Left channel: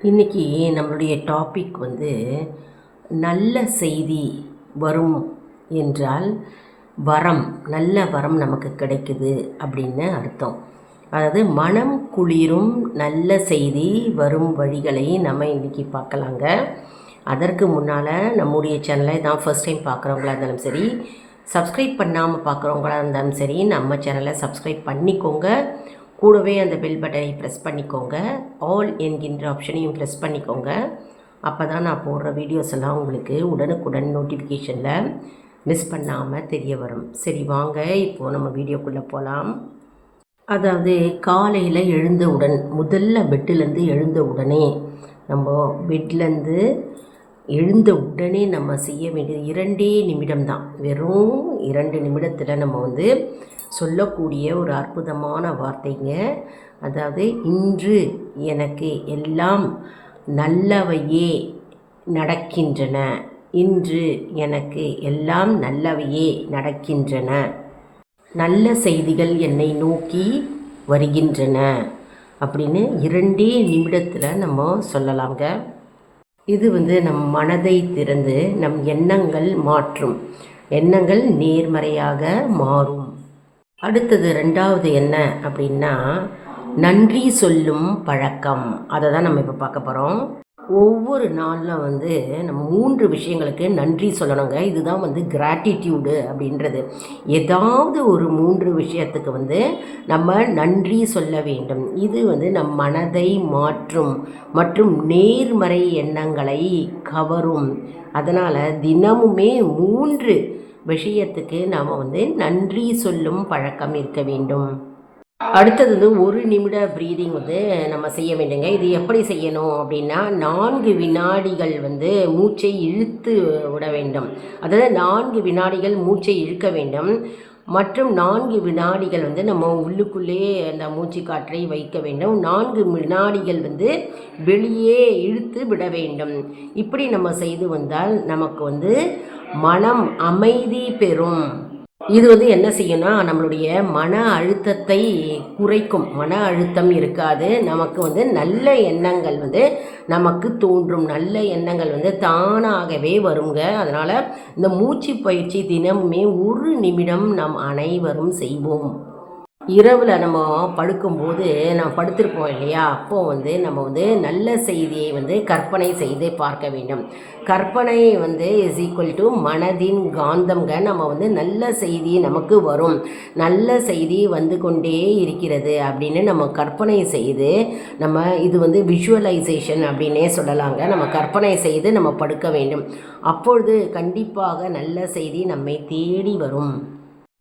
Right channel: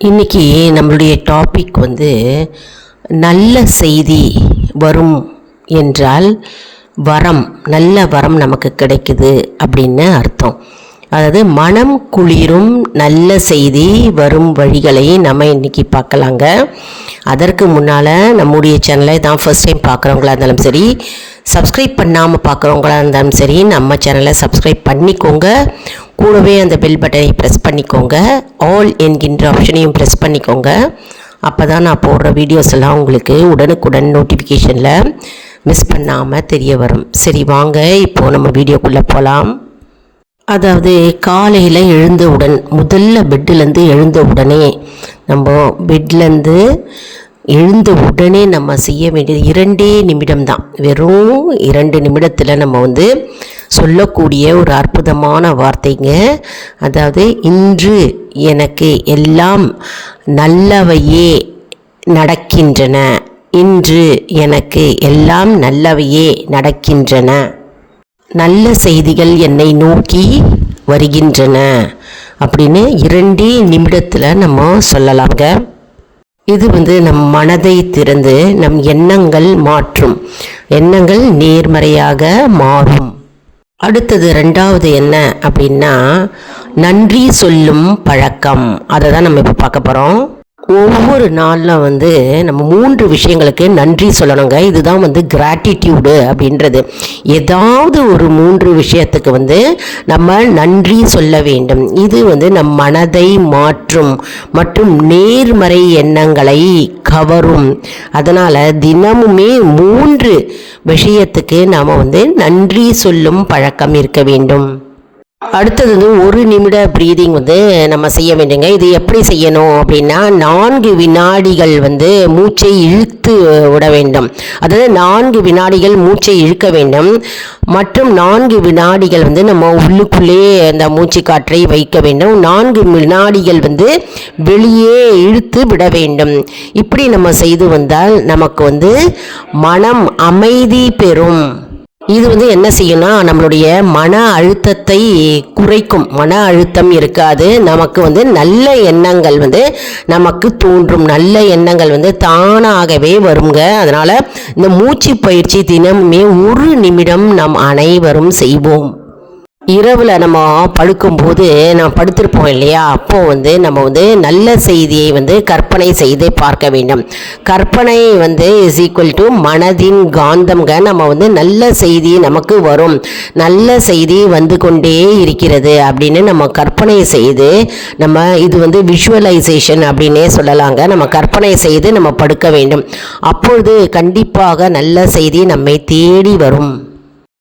இன்னைக்கு நம்மளுடைய டாபிக் வந்து நல்ல செய்தி வரும் என்றால் வரம் நல்ல வரம் நமக்கு கிடைக்குது அப்படின்னு அர்த்தம். அதாவது மனம் குளிரும் நல்ல செய்தி வரும் வழிகளை நம்ம இன்றைக்கி பார்க்கலாங்க. அதற்கு முன்னால் நம்முடைய சேனலை தான் ஃபர்ஸ்ட் டைம் பார்க்குறவங்களா இருந்தாலும் சரி சப்ஸ்கிரைப் பண்ணாமல் பார்க்குறவங்களா இருந்தாலும் சரி நம்ம சேனலை சப்ஸ்கிரைப் பண்ணிக்கோங்க. கூடவே அந்த பெல் பட்டனை ப்ரெஸ் பண்ணிக்கோங்க. ஆல் என்கின்ற ஆப்ஷனையும் ப்ரெஸ் பண்ணிக்கோங்க. அப்போ தான் நான் போடுற வீடியோஸ் எல்லாம் உங்களுக்கு உடனுக்குடன் நோட்டிஃபிகேஷனில் மிஸ் பண்ணாமல் தெரிய வரும். சரி வாங்க இப்போது நம்ம வீடியோக்குள்ளே போகலாம் அதாவது காலையில் எழுந்தவுடன் முதல்ல பெட்டிலேருந்து எழுந்த உடனே நம்ம பெட்லேருந்து எழுந்த உடனே நம்ம செய்ய வேண்டியது இரண்டே நிமிடம் தான். வெறும் இரண்டு நிமிடத்தில் நம்ம வந்து சொல்லக்கூடிய ஒரு அற்புதமான வார்த்தைங்க. அதாவது இன்று எனக்கு எல்லாம் நல்லவையே நடக்கின்றன. இன்று எனக்கு எல்லாம் நல்லவையே நடக்கின்றன. நல்ல செய்திகள் என்னை நோக்கி வருகின்றன. அப்படின்னு இரண்டே நிமிடத்தில் நம்ம சொல்லலாங்க இது வந்து நம் மனதை திறந்து நம் எண்ணங்கள் மாற்றும். எண்ணங்கள் நேர்மறையாக மாறும். அடுத்தது ரெண்டாவது என்ன அப்படின்னா நன்றி சொல்லும் பழக்கம். அதை தான் நம்ம இப்போ பார்க்க போகிறோம் ஒவ்வொரு நாளில் வந்து நம்ம மூன்று விஷயங்களுக்கு நன்றி சொல்லணுங்க. இதுதான் வந்து கிராட்டிடியூடு அப்படின்றது. ஏதாவது ஒரு மூன்று விஷயத்துக்கு வந்து நம்ம நன்றி சொல்ல வேண்டும். இது வந்து நம் மனதை மாற்றும் மற்றும் நேர்மறை எண்ணங்களை கவரும். அதனால் தினமுமே மூன்று விஷயத்துக்கு நாம் வந்து நன்றி சொல்லும் பழக்கம் இருக்க வேண்டும். அடுத்தது வந்து ஒரு நிமிட ப்ரீதிங் வந்து நம்ம செய்ய வேண்டுங்க இது எப்படி செய்யணும் அப்படின்னா நான்கு வினாடிகள் வந்து மூச்சை இழுத்து விட வேண்டும். அதாவது நான்கு வினாடிகள் மூச்சை இழுக்க வேண்டும். மற்றும் நான்கு வினாடிகள் வந்து நம்ம உள்ளுக்குள்ளே அந்த மூச்சு காற்றை வைக்க வேண்டும். நான்கு வினாடிகள் வந்து வெளியே இழுத்து விட வேண்டும். இப்படி நம்ம செய்து வந்தால் நமக்கு வந்து மனம் அமைதி பெறும். இது வந்து என்ன செய்யும்னா நம்மளுடைய மன அழுத்தத்தை குறைக்கும். மன அழுத்தம் இருக்காது. நமக்கு வந்து நல்ல எண்ணங்கள் வந்து நமக்கு தோன்றும். நல்ல எண்ணங்கள் வந்து தானாகவே வருங்க. அதனால் இந்த மூச்சு பயிற்சி தினமுமே ஒரு நிமிடம் நம் அனைவரும் செய்வோம். இரவில் நம்ம படுக்கும்போது நம்ம படுத்திருப்போம் இல்லையா? அப்போது வந்து நம்ம வந்து நல்ல செய்தியை வந்து கற்பனை செய்து பார்க்க வேண்டும். கற்பனை வந்து இஸ் ஈக்குவல் டு மனதின் காந்தம்ங்க. நம்ம வந்து நல்ல செய்தி நமக்கு வரும். நல்ல செய்தி வந்து கொண்டே இருக்கிறது அப்படின்னு நம்ம கற்பனை செய்து நம்ம இது வந்து விஷுவலைசேஷன் அப்படின்னே சொல்லலாங்க. நம்ம கற்பனை செய்து நம்ம படுக்க வேண்டும். அப்பொழுது கண்டிப்பாக நல்ல செய்தி நம்மை தேடி வரும்.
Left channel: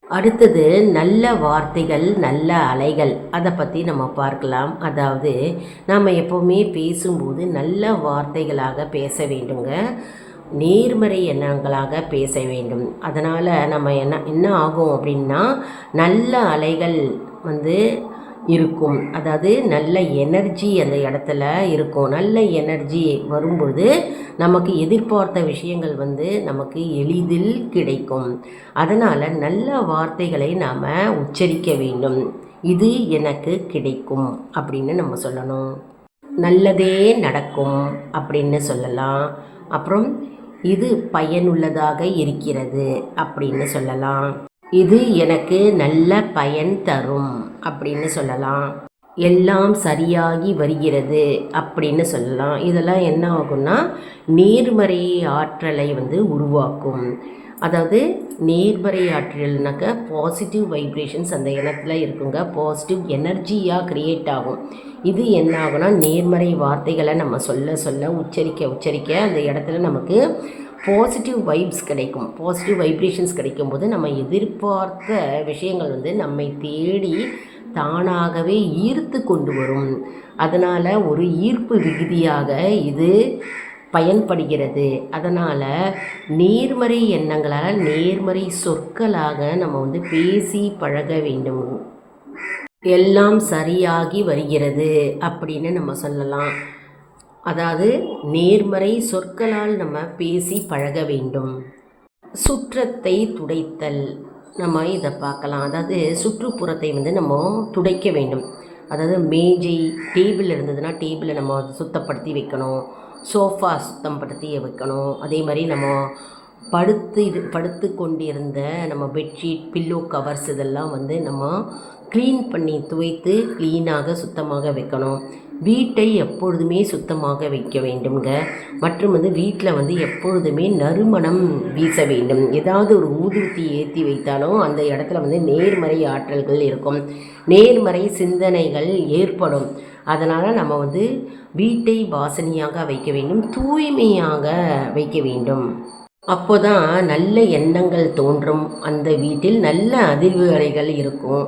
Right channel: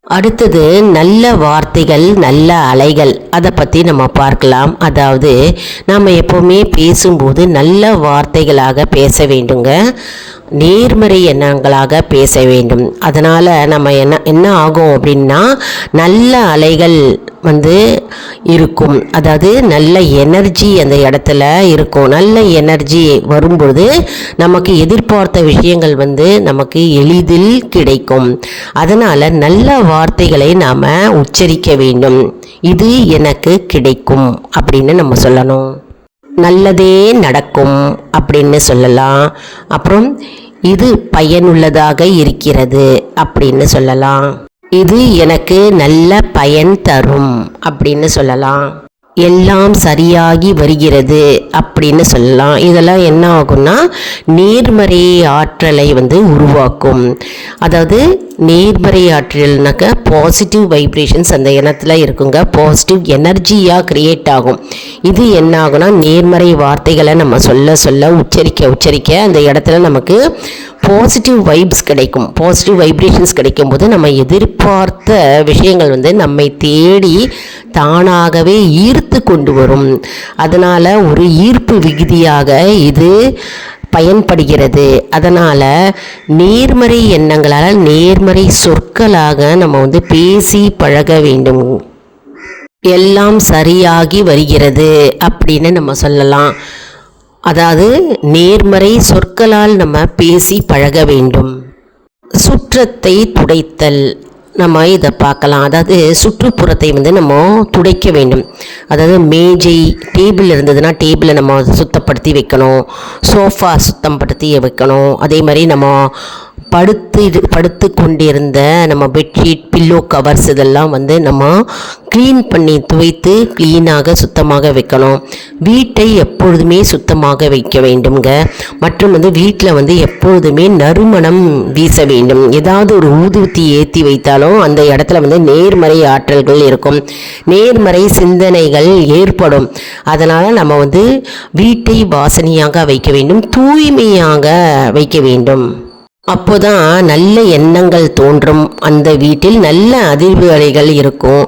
அடுத்தது நல்ல வார்த்தைகள் நல்ல அலைகள். அதை பற்றி நம்ம பார்க்கலாம். அதாவது நம்ம எப்போவுமே பேசும்போது நல்ல வார்த்தைகளாக பேச வேண்டுங்க. நேர்மறை எண்ணங்களாக பேச வேண்டும். அதனால் நம்ம என்ன என்ன ஆகும் அப்படின்னா நல்ல அலைகள் வந்து இருக்கும். அதாவது நல்ல எனர்ஜி அந்த இடத்துல இருக்கும். நல்ல எனர்ஜி வரும்பொழுது நமக்கு எதிர்பார்த்த விஷயங்கள் வந்து நமக்கு எளிதில் கிடைக்கும். அதனால் நல்ல வார்த்தைகளை நாம் உச்சரிக்க வேண்டும். இது எனக்கு கிடைக்கும் அப்படின்னு நம்ம சொல்லணும். நல்லதே நடக்கும் அப்படின்னு சொல்லலாம். அப்புறம் இது பயனுள்ளதாக இருக்கிறது அப்படின்னு சொல்லலாம். இது எனக்கு நல்ல பயன் தரும் அப்படின்னு சொல்லலாம். எல்லாம் சரியாகி வருகிறது அப்படின்னு சொல்லலாம். இதெல்லாம் என்ன ஆகும்னா நேர்மறை ஆற்றலை வந்து உருவாக்கும். அதாவது நேர்மறை ஆற்றல்னாக்க பாசிட்டிவ் வைப்ரேஷன்ஸ் அந்த இனத்தில் இருக்குங்க. பாசிட்டிவ் எனர்ஜியாக க்ரியேட் ஆகும். இது என்ன ஆகும்னா நேர்மறை வார்த்தைகளை நம்ம சொல்ல சொல்ல உச்சரிக்க உச்சரிக்க அந்த இடத்துல நமக்கு பாசிட்டிவ் வைப்ஸ் கிடைக்கும். பாசிட்டிவ் வைப்ரேஷன்ஸ் கிடைக்கும் போது நம்ம எதிர்பார்த்த விஷயங்கள் வந்து நம்மை தேடி தானாகவே ஈர்த்து கொண்டு வரும். அதனால் ஒரு ஈர்ப்பு விகுதியாக இது பயன்படுகிறது. அதனால் நேர்மறை எண்ணங்களால் நேர்மறை சொற்களாக நம்ம வந்து பேசி பழக வேண்டும். எல்லாம் சரியாகி வருகிறது அப்படின்னு நம்ம சொல்லலாம். அதாவது நேர்மறை சொற்களால் நம்ம பேசி பழக வேண்டும். சுற்றத்தை துடைத்தல் நம்ம இதை பார்க்கலாம். அதாவது சுற்றுப்புறத்தை வந்து நம்ம துடைக்க வேண்டும். அதாவது மேஜை டேபிள் இருந்ததுன்னா டேபிளை நம்ம சுத்தப்படுத்தி வைக்கணும். சோஃபா சுத்தப்படுத்தி வைக்கணும். அதே மாதிரி நம்ம படுத்து படுத்து கொண்டிருந்த நம்ம பெட்ஷீட் பில்லோ கவர்ஸ் இதெல்லாம் வந்து நம்ம க்ளீன் பண்ணி துவைத்து க்ளீனாக சுத்தமாக வைக்கணும். வீட்டை எப்பொழுதுமே சுத்தமாக வைக்க வேண்டும்ங்க. மற்றும் வந்து வீட்டில் வந்து எப்பொழுதுமே நறுமணம் வீச வேண்டும். ஏதாவது ஒரு ஊதுவத்தி ஏற்றி வைத்தாலும் அந்த இடத்துல வந்து நேர்மறை ஆற்றல்கள் இருக்கும். நேர்மறை சிந்தனைகள் ஏற்படும். அதனால் நம்ம வந்து வீட்டை வாசனையாக வைக்க வேண்டும். தூய்மையாக வைக்க வேண்டும். அப்போதான் நல்ல எண்ணங்கள் தோன்றும். அந்த வீட்டில் நல்ல அதிர்வு அலைகள் இருக்கும்.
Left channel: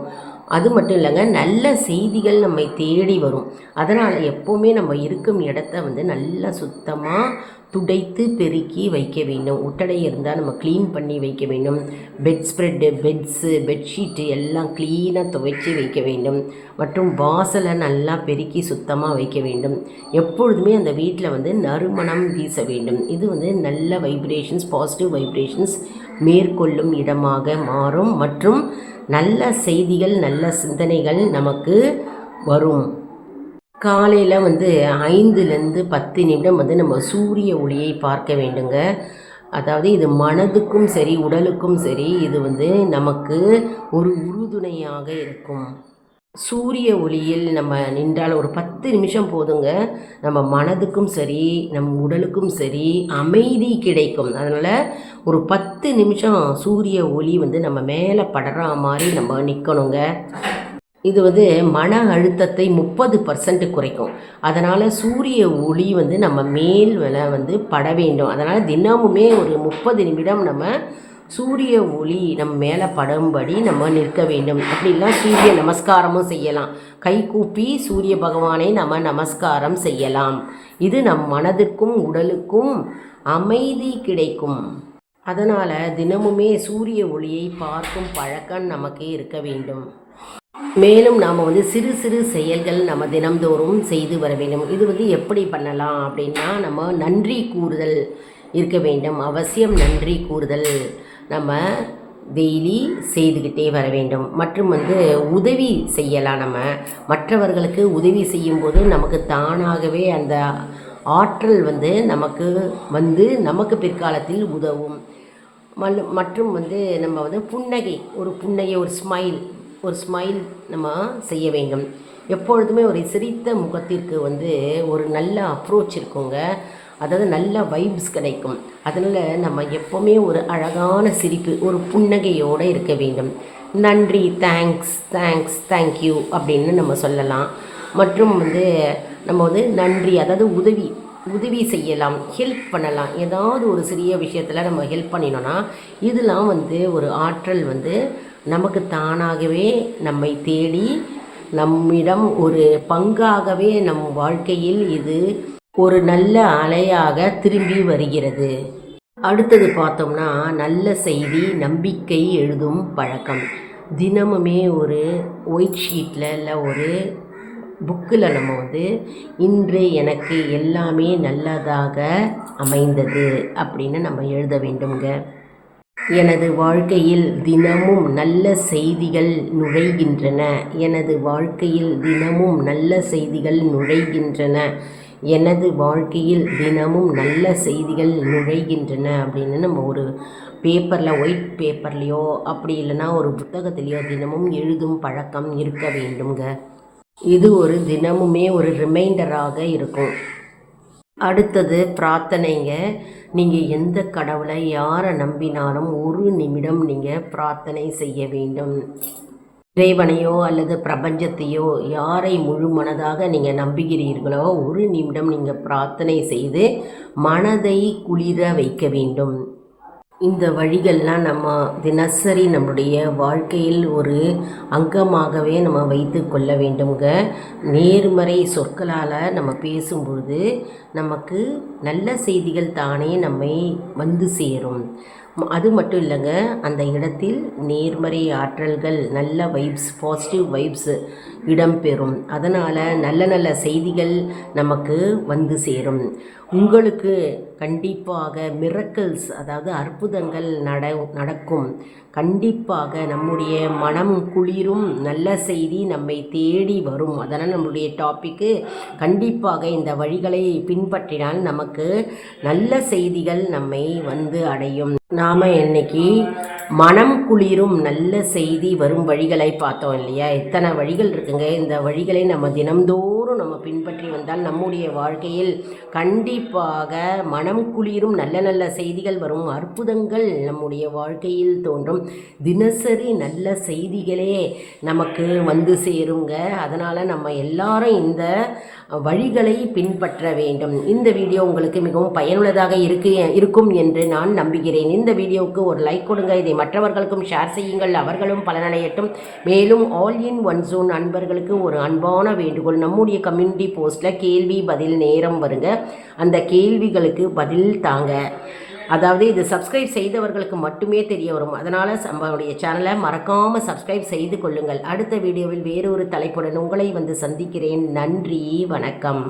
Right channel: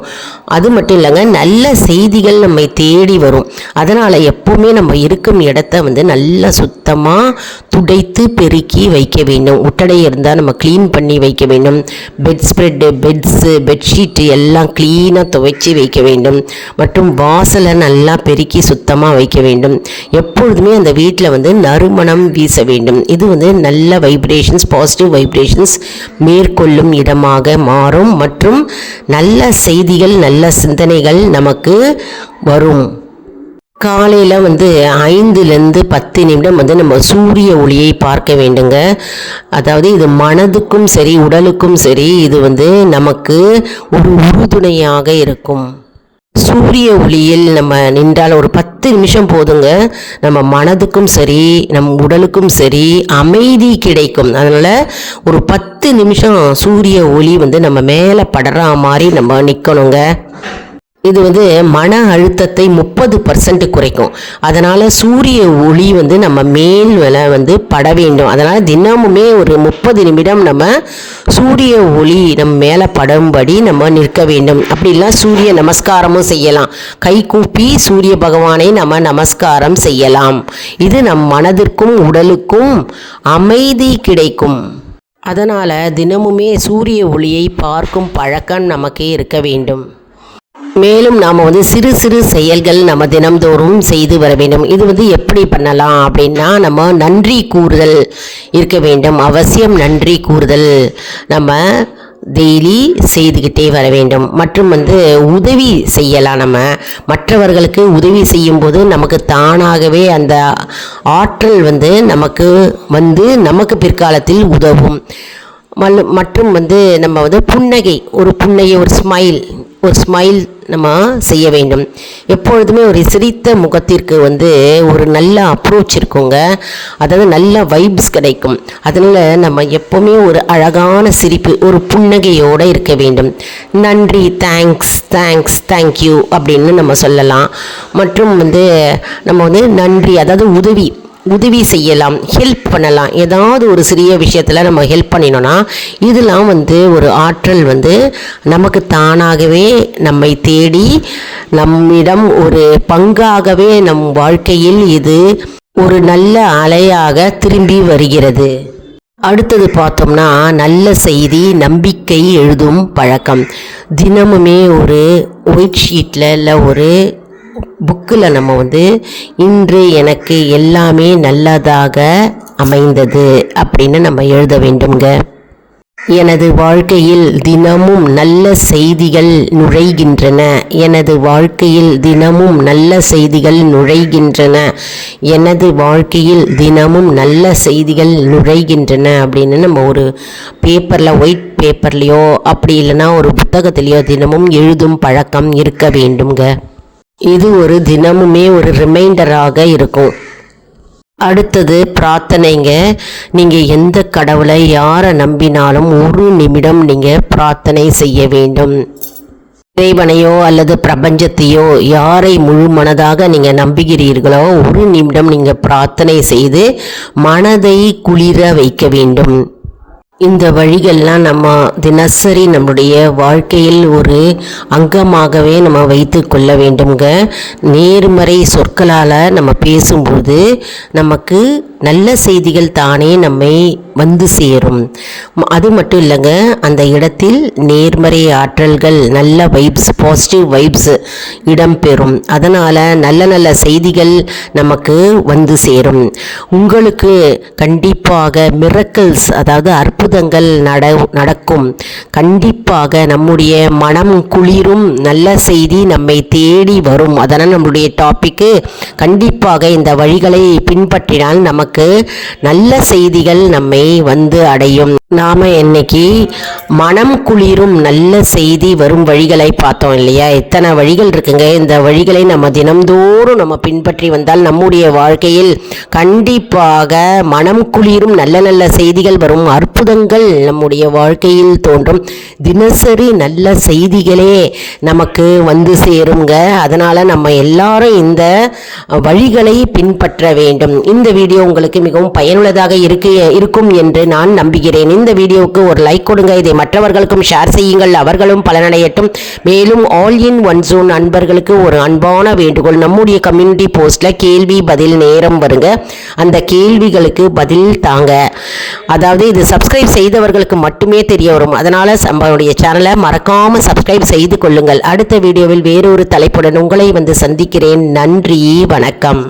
அது மட்டும் இல்லைங்க நல்ல செய்திகள் நம்மை தேடி வரும். அதனால் எப்போவுமே நம்ம இருக்கும் இடத்த வந்து நல்லா சுத்தமாக துடைத்து பெருக்கி வைக்க வேண்டும். உட்டடை இருந்தால் நம்ம க்ளீன் பண்ணி வைக்க வேண்டும். பெட் ஸ்ப்ரெட்டு பெட்ஸு பெட்ஷீட்டு எல்லாம் க்ளீனாக துவைச்சி வைக்க வேண்டும். மற்றும் வாசலை நல்லா பெருக்கி சுத்தமாக வைக்க வேண்டும். எப்பொழுதுமே அந்த வீட்டில் வந்து நறுமணம் வீச வேண்டும். இது வந்து நல்ல வைப்ரேஷன்ஸ் பாசிட்டிவ் வைப்ரேஷன்ஸ் மேற்கொள்ளும் இடமாக மாறும் மற்றும் நல்ல செய்திகள் நல்ல சிந்தனைகள் நமக்கு வரும். காலையில் வந்து ஐந்துலேருந்து பத்து நிமிடம் வந்து நம்ம சூரிய ஒளியை பார்க்க வேண்டுங்க. அதாவது இது மனதுக்கும் சரி உடலுக்கும் சரி இது வந்து நமக்கு ஒரு உறுதுணையாக இருக்கும். சூரிய ஒளியில் நம்ம நின்றால் ஒரு பத்து நிமிஷம் போதுங்க. நம்ம மனதுக்கும் சரி நம் உடலுக்கும் சரி அமைதி கிடைக்கும். அதனால் ஒரு பத்து நிமிஷம் சூரிய ஒளி வந்து நம்ம மேலே படுற மாதிரி நம்ம நிற்கணுங்க இது வந்து மன அழுத்தத்தை முப்பது பர்சன்ட் குறைக்கும். அதனால் சூரிய ஒளி வந்து நம்ம மேல் வில வந்து பட வேண்டும். அதனால் தினமுமே ஒரு முப்பது நிமிடம் நம்ம சூரிய ஒளி நம்ம மேலே படும்படி நம்ம நிற்க வேண்டும். அப்படிலாம் சூரிய நமஸ்காரமும் செய்யலாம். கை கூப்பி சூரிய பகவானை நம்ம நமஸ்காரம் செய்யலாம். இது நம் மனதிற்கும் உடலுக்கும் அமைதி கிடைக்கும். அதனால் தினமுமே சூரிய ஒளியை பார்க்கும் பழக்கம் நமக்கே இருக்க வேண்டும். மேலும் நாம் வந்து சிறு சிறு செயல்கள் நம்ம தினம்தோறும் செய்து வர வேண்டும். இது வந்து எப்படி பண்ணலாம் அப்படின்னா நம்ம நன்றி கூறுதல் இருக்க வேண்டும். அவசியம் நன்றி கூறுதல் நம்ம டெய்லி செய்துக்கிட்டே வர வேண்டும். மற்றும் வந்து உதவி செய்யலாம் நம்ம. மற்றவர்களுக்கு உதவி செய்யும்போது நமக்கு தானாகவே அந்த ஆற்றல் வந்து நமக்கு வந்து நமக்கு பிற்காலத்தில் உதவும். மல் மற்றும் வந்து நம்ம வந்து புன்னகை ஒரு புன்னகை ஒரு ஸ்மைல் ஒரு ஸ்மைல் நம்ம செய்ய வேண்டும். எப்பொழுதுமே ஒரு சிரித்த முகத்திற்கு வந்து ஒரு நல்ல அப்ரோச் இருக்குங்க. அதாவது நல்ல வைப்ஸ் கிடைக்கும். அதனால் நம்ம எப்போவுமே ஒரு அழகான சிரிப்பு ஒரு புன்னகையோடு இருக்க வேண்டும். நன்றி தேங்க்ஸ் தேங்க்ஸ் தேங்க்யூ அப்படின்னு நம்ம சொல்லலாம். மற்றும் வந்து நம்ம வந்து நன்றி அதாவது உதவி உதவி செய்யலாம் ஹெல்ப் பண்ணலாம். ஏதாவது ஒரு சிறிய விஷயத்தில் நம்ம ஹெல்ப் பண்ணினோன்னா இதெல்லாம் வந்து ஒரு ஆற்றல் வந்து நமக்கு தானாகவே நம்மை தேடி நம்மிடம் ஒரு பங்காகவே நம் வாழ்க்கையில் இது ஒரு நல்ல அலையாக திரும்பி வருகிறது. அடுத்தது பார்த்தோம்னா நல்ல செய்தி நம்பிக்கை எழுதும் பழக்கம். தினமுமே ஒரு ஒயிட் ஷீட்டில் இல்லை ஒரு புக்கில் நம்ம வந்து இன்று எனக்கு எல்லாமே நல்லதாக அமைந்தது அப்படின்னு நம்ம எழுத வேண்டுங்க எனது வாழ்க்கையில் தினமும் நல்ல செய்திகள் நுழைகின்றன. எனது வாழ்க்கையில் தினமும் நல்ல செய்திகள் நுழைகின்றன. எனது வாழ்க்கையில் தினமும் நல்ல செய்திகள் நுழைகின்றன அப்படின்னு நம்ம ஒரு பேப்பரில் ஒயிட் பேப்பர்லேயோ அப்படி இல்லைன்னா ஒரு புத்தகத்துலேயோ தினமும் எழுதும் பழக்கம் இருக்க வேண்டுங்க இது ஒரு தினமுமே ஒரு ரிமைண்டராக இருக்கும். அடுத்தது பிரார்த்தனைங்க. நீங்கள் எந்த கடவுளை யாரை நம்பினாலும் ஒரு நிமிடம் நீங்கள் பிரார்த்தனை செய்ய வேண்டும். இறைவனையோ அல்லது பிரபஞ்சத்தையோ யாரை முழு மனதாக நீங்கள் நம்புகிறீர்களோ ஒரு நிமிடம் நீங்கள் பிரார்த்தனை செய்து மனதை குளிர வைக்க வேண்டும். இந்த வழிகள்லாம் நம்ம தினசரி நம்முடைய வாழ்க்கையில் ஒரு அங்கமாகவே நம்ம வைத்து கொள்ள வேண்டுங்க நேர்மறை சொற்களால் நம்ம பேசும்போது நமக்கு நல்ல செய்திகள் தானே நம்மை வந்து சேரும். அது மட்டும் இல்லைங்க அந்த இடத்தில் நேர்மறை ஆற்றல்கள் நல்ல வைப்ஸ் பாசிட்டிவ் வைப்ஸ் இடம்பெறும் அதனால் நல்ல நல்ல செய்திகள் நமக்கு வந்து சேரும். உங்களுக்கு கண்டிப்பாக மிரக்கல்ஸ் அதாவது அற்புதங்கள் நட நடக்கும். கண்டிப்பாக நம்முடைய மனம் குளிரும். நல்ல செய்தி நம்மை தேடி வரும். அதனால் நம்முடைய டாப்பிக்கு கண்டிப்பாக இந்த வழிகளை பின்பற்றினால் நமக்கு நல்ல செய்திகள் நம்மை வந்து அடையும். நாம் இன்னைக்கு மனம் குளிரும் நல்ல செய்தி வரும் வழிகளை பார்த்தோம் இல்லையா? எத்தனை வழிகள் இருக்குங்க? இந்த வழிகளை நம்ம தினம்தோறும் நம்ம பின்பற்றி வந்தால் நம்முடைய வாழ்க்கையில் கண்டிப்பாக மனம் குளிரும் நல்ல நல்ல செய்திகள் வரும். அற்புதங்கள் நம்முடைய வாழ்க்கையில் தோன்றும். தினசரி நல்ல செய்திகளே நமக்கு வந்து சேருங்க. அதனால் நம்ம எல்லாரும் இந்த வழிகளை பின்பற்ற வேண்டும். இந்த வீடியோ உங்களுக்கு மிகவும் பயனுள்ளதாக இருக்கு இருக்கும் என்று நான் நம்புகிறேன். இந்த வீடியோவுக்கு ஒரு லைக் கொடுங்க. இதை மற்றவர்களுக்கும் ஷேர் செய்யுங்கள். அவர்களும் பலனடையட்டும். மேலும் ஆல் இன் ஒன் ஜோன் அன்பர்களுக்கு ஒரு அன்பான வேண்டுகோள். நம்முடைய கம்யூனிட்டி போஸ்ட்ல கேள்வி பதில் நேரம் வருங்க. அந்த கேள்விகளுக்கு பதில் தாங்க. அதாவது இது சப்ஸ்கிரைப் செய்தவர்களுக்கு மட்டுமே தெரிய வரும். அதனால நம்மளுடைய சேனலை மறக்காம சப்ஸ்கிரைப் செய்து கொள்ளுங்கள். அடுத்த வீடியோவில் வேறொரு தலைப்புடன் உங்களை வந்து சந்திக்கிறேன். நன்றி வணக்கம்.